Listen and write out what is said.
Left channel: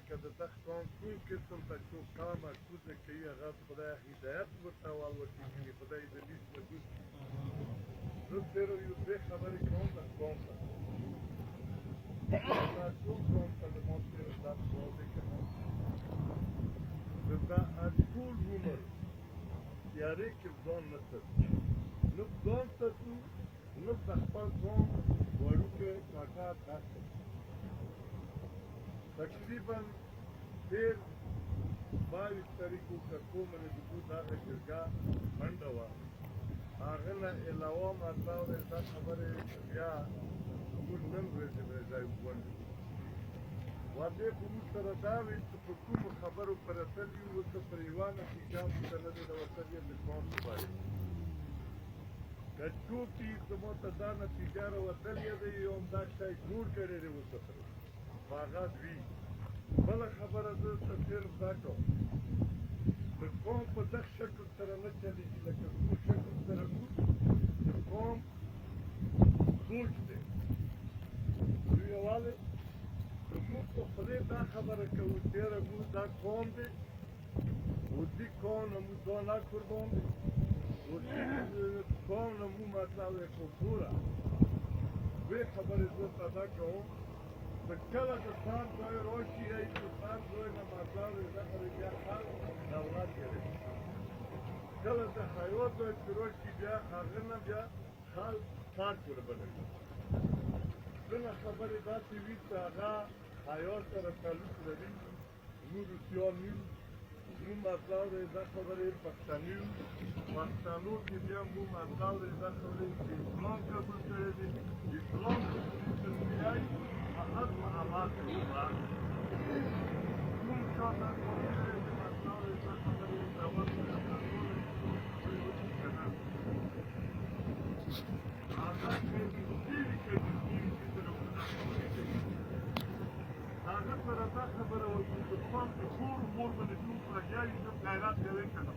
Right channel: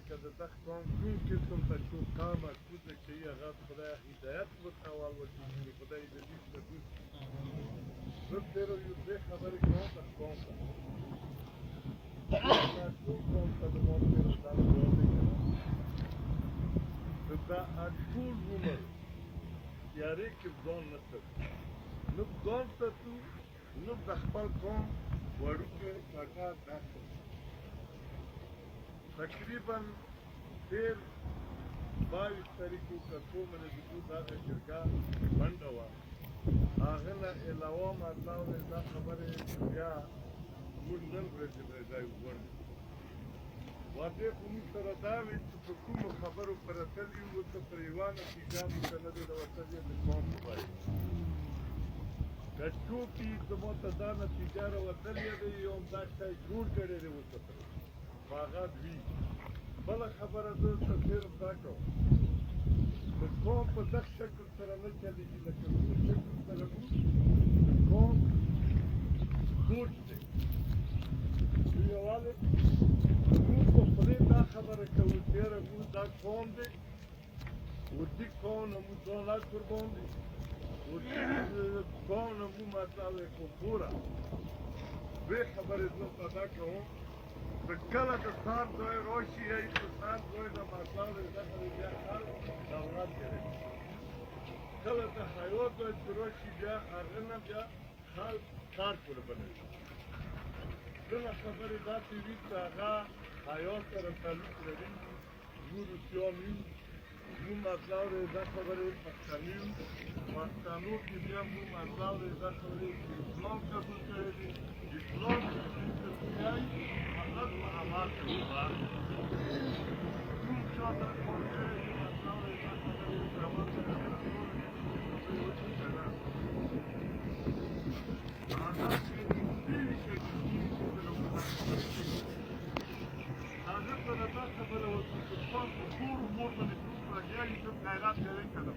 لکه د دغه قوم کوم قسم ته څوک کامه کوزه کوي هغه خدای هدایت ورته والوټېږي خدای د لیست نه بوځي زه صرف یو دوې خبرې کوم د قوم ته دا ټول قوم ته د ما صرف دا ځواب دی که نه دا ټول عمر تیارې کې ځان نه ساتو نه ځان ساتو نه د خپل قوم وړوکو کاکا داسې تقریبا تېر 22 تاریخو که کومه د دوی دغه جرګه بنډه وه هغه نه علاوه مطلب دی دا خبرې بیا موږ نن ورځې ځای وغونډو واده خو موږ سره دا ویل چې په کومو خبرو پر اتلي وو ورته پر یوه نتیجه موږ ته نه دی د وتلې د قوم په باره که څوکي زما ته دا نتیجه راوتلې ده یو همدا شی جوړ کړی دی ورته سره په هغه دوی بله خبره زه ته صرف دا کوم د قوم په دغه شکل سره نه چلېږي لکه زموږ شکل سره موږ د قوم سوچ دی نو یووالی موږ په خولې دا خبره کوو چې یاره موږ دا قوم دی وردي قوم نه موږ ځان لا قربان دی وردي قوم نه موږ مطلب دی خو ګوره دوې خبرې زه ته دا کوم که کله د ښار ځای راشي یا د ښار ځای نه مطلب دی دغه دی بیا خلک د اولاد جوړوي کله د حیات ځای چې راشي بیا هغه نه بیا خلک ښار قربانوي ځینې خبرې داسې وي چې هغه حیات سره تعلق لري موږ روسیان یو موږ مطلب دی دا خبرې پښتانه یو پښتنو کې بیا موږ مطلب دی دا خبرې چې اسلام قبول کړی دی اسلام فقط په عمل کوي کوم چاته قول کړی دی مطلب دی دا خبرې چې عمل سره کنټرول خبرې وکړي که نه هغه هغه سره دا خبره وکړي چې تاسو ټول مور باندې ټول لګیا یې غیرت کوي که نه